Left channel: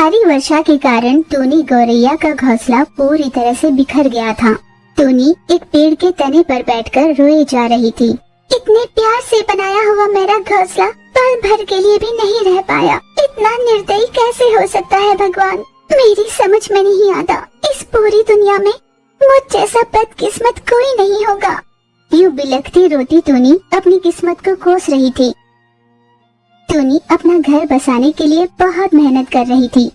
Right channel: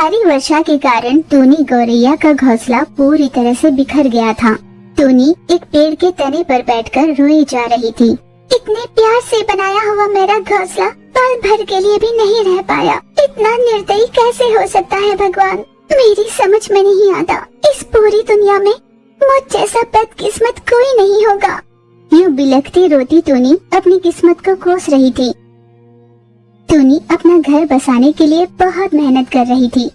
भारी वर्षा के कारण टोनी गौरैया का घोंसला पूरी तरह से बिखर गया था। टोनी एक पेड़ के तने पर बैठकर रोई जा रही थी। इतने प्यार से बनाया हुआ मेरा घोंसला पल भर के लिए भी नहीं रह पाया। इतना निर्दयी कैसे हो सकता है भगवान, मेरी समझ में नहीं आता। इस पूरी दुनिया में मुझ जैसा बदकिस्मत कोई नहीं होगा। यूं बिलखती रोती टोनी अपनी किस्मत को कोस रही थी। टोनी अपना घर बसाने के लिए बहुत मेहनत कर रही थी।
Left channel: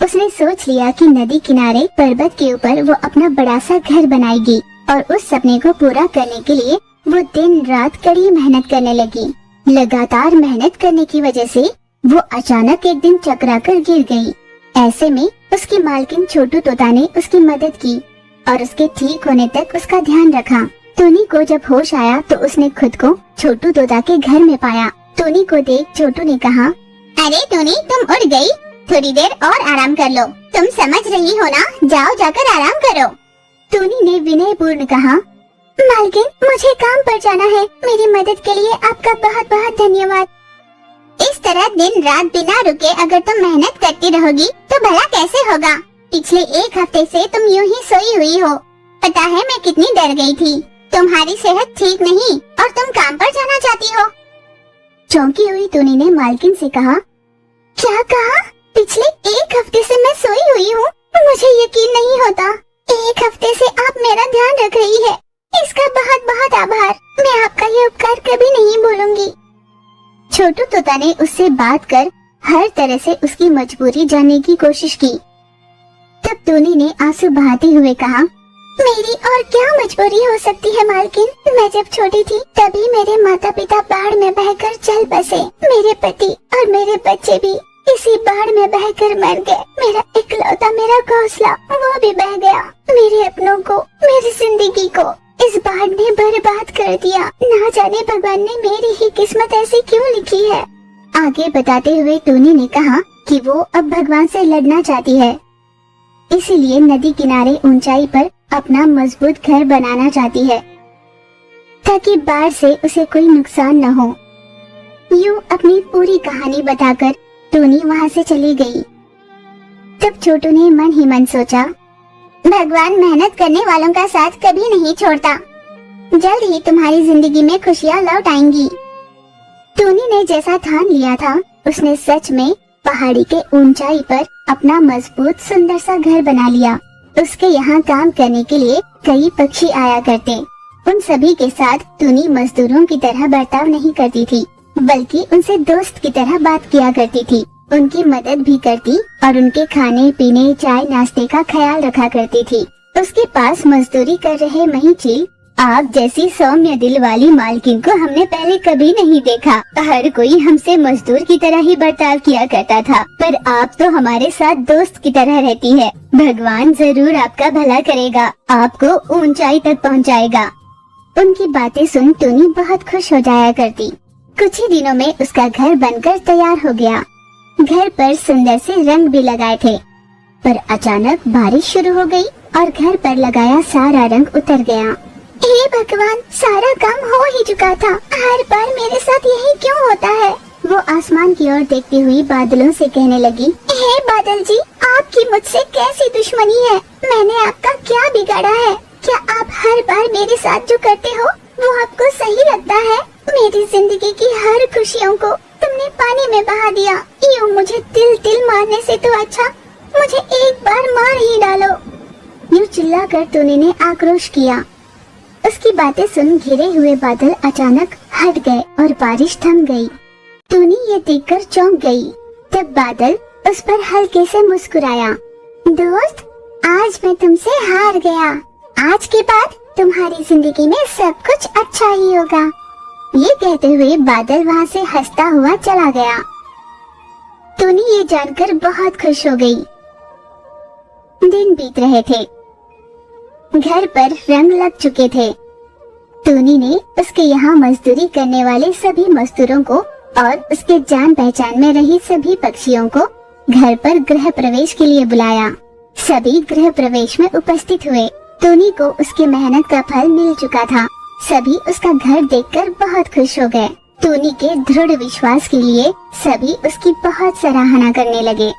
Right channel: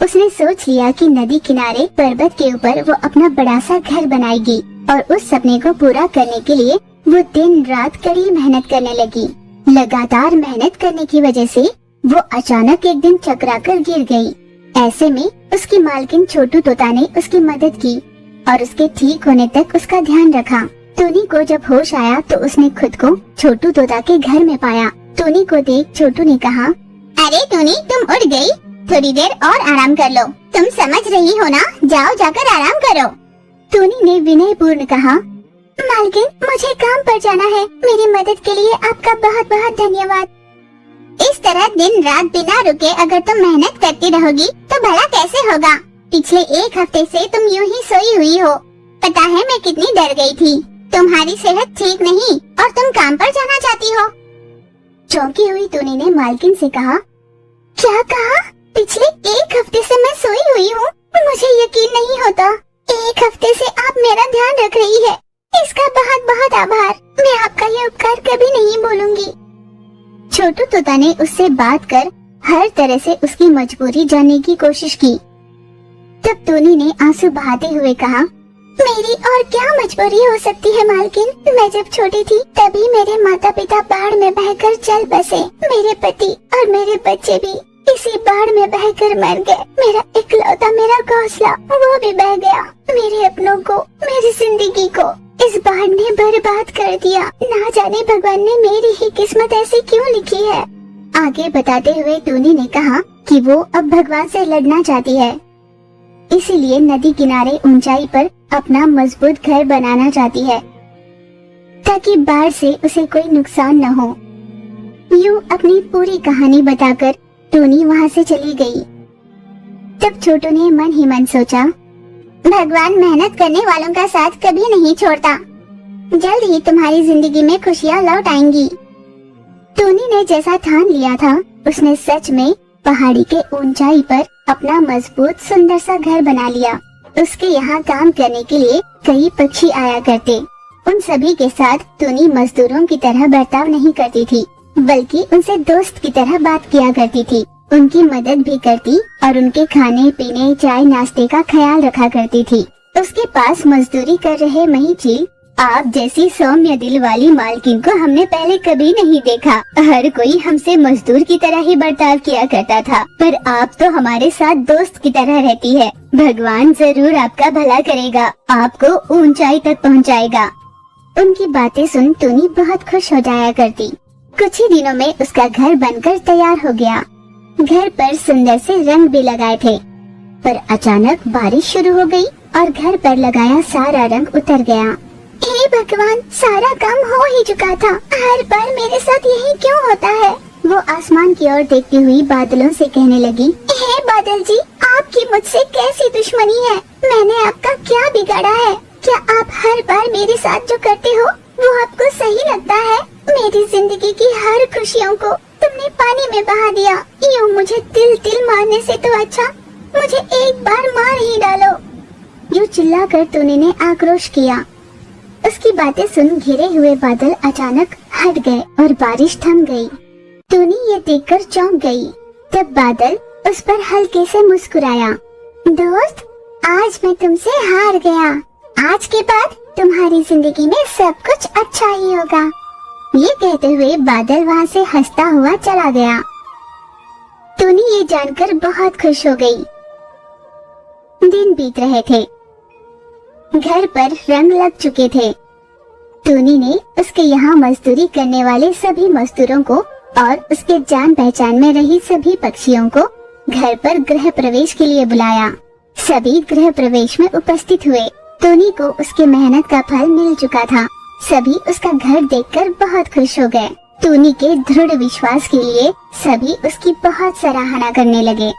उसने सोच लिया कि नदी किनारे पर्वत के ऊपर वो अपना बड़ा सा घर बनाएगी और उस सपने को पूरा करने के लिए वो दिन रात कड़ी मेहनत करने लगी। लगातार मेहनत करने की वजह से वो अचानक एक दिन चकराकर गिर गई। ऐसे में उसकी मालकिन छोटू तोता ने उसकी मदद की और उसके ठीक होने तक उसका ध्यान रखा। टोनी को जब होश आया तो उसने खुद को छोटू तोता के घर में पाया। टोनी को देख छोटू ने कहा, अरे टोनी, तुम उठ गई? थोड़ी देर और आराम कर लो। तुम समझ रही हो ना, जाओ जाकर आराम करो। टोनी ने विनय पूर्ण कहा, मालकिन मुझे काम पर जाना है। मेरी मदद के लिए आपका बहुत बहुत धन्यवाद। इस तरह दिन रात बिना रुके अगर तुम मेहनत करती रहोगी तो भला कैसे होगा? पिछले एक हफ्ते से तुम यूं ही सोई हुई हो। पता है मैं कितनी डर गई थी। तुम्हारी सेहत ठीक नहीं और तुम काम पर जाना चाहती हो। चौंकी हुई टोनी ने मालकिन से कहा, क्या कहा? पिछले एक हफ्ते से मैं सोई हुई हूँ। मुझे यकीन नहीं होता। एक हफ्ते से आप मेरा ध्यान रख रही है, इसका बहुत बहुत आभार। मैं आपका ये उपकार कभी नहीं भूलूंगी। छोटू तोता ने उससे बात कर हर तरह से उसकी मजबूरी जानने की कोशिश की। तब टोनी ने आंसू बहाते हुए कहा, मेरी और क्या मजबूरी हो सकती है मालकिन? मैं जब छोटी थी तभी मेरे माता पिता बाढ़ में बहकर चल बसे। मेरे पति और मेरे बच्चे भी इसी बाढ़ में बहकर मर गए। मेरा इकलौता मेरा घोंसला वो भी बह गया। मेरे अपनों को, मेरी जिंदगी को इस बाढ़ ने बर्बाद कर दिया। ना जाने भगवान ने मेरी ही किस्मत ऐसी क्यों लिखी है। आगे बताते हुए टोनी ने कहा कि वो अब भगवान से लड़ना चाहती है, इसीलिए नदी किनारे ऊंचाई पर अपना मजबूत घर बनाना चाहती है ताकि बाढ़ से उसे कोई नुकसान न हो। यूं अपनी पूरी कहानी बताकर टोनी वहाँ से चली गई। तब छोटू ने मन ही मन सोचा, भगवान मेहनत करने वालों का साथ कभी नहीं छोड़ता। जल्द ही तुम्हारी जिंदगी में खुशियाँ लौट आएंगी। टोनी ने जैसा ठान लिया था, उसने सच में पहाड़ी के ऊंचाई पर अपना मजबूत सुंदर सा घर बना लिया। उसके यहाँ काम करने के लिए कई पक्षी आया करते। उन सभी के साथ टोनी मजदूरों की तरह बर्ताव नहीं करती थी, बल्कि उनसे दोस्त की तरह बात किया करती थी। उनकी मदद भी करती और उनके खाने पीने, चाय नाश्ते का ख्याल रखा करती थी। उसके पास मजदूरी कर रहे महिची आप जैसी सौम्य दिल वाली मालकिन को हमने पहले कभी नहीं देखा। हर कोई हमसे मजदूर की तरह ही बर्ताव किया करता था, पर आप तो हमारे साथ दोस्त की तरह रहती है। भगवान जरूर आपका भला करेगा, आपको ऊंचाई तक पहुंचाएगा। उनकी बातें सुन टोनी बहुत खुश हो जाया करती। कुछ ही दिनों में उसका घर बनकर तैयार हो गया। घर पर सुंदर से रंग भी लगाए थे, पर अचानक बारिश शुरू हो गई और घर पर लगाया सारा रंग उतर गया। हे भगवान, सारा काम हो ही चुका था। हर बार मेरे साथ यही क्यों होता है? वो आसमान की ओर देखती हुई बादलों से कहने लगी, हे बादल जी, आपकी मुझसे कैसी दुश्मनी है? मैंने आपका क्या बिगाड़ा है? क्या आप हर बार मेरे साथ जो करते हो वो आपको सही लगता है? मेरी जिंदगी की हर खुशियों को तुमने पानी में बहा दिया। यूं मुझे तिल तिल मारने से तो अच्छा मुझे एक बार मार ही डालो। यूं चिल्लाकर टोनी ने आक्रोश किया। उसकी बातें सुन घिरे हुए बादल अचानक हट गए और बारिश थम गई। टोनी ये देखकर चौंक गई। तब बादल उस पर हल्के से मुस्कुराया। दोस्त, आज मैं तुमसे हार गया। आज के बाद तुम्हारी जिंदगी में सब कुछ अच्छा ही होगा। ये कहते हुए बादल वहाँ से हंसता हुआ चला गया। टोनी ये जानकर बहुत खुश हो गई। दिन बीत रहे थे, घर पर रंग लग चुके थे। टोनी ने उसके यहाँ मजदूरी करने वाले सभी मजदूरों को और उसके जान पहचान में रही सभी पक्षियों को घर पर गृह प्रवेश के लिए बुलाया। सभी गृह प्रवेश में उपस्थित हुए। टोनी को उसकी मेहनत का फल मिल चुका था। सभी उसका घर देखकर बहुत खुश हो गए। टोनी के दृढ़ विश्वास के लिए सभी उसकी बहुत सराहना करने लगे।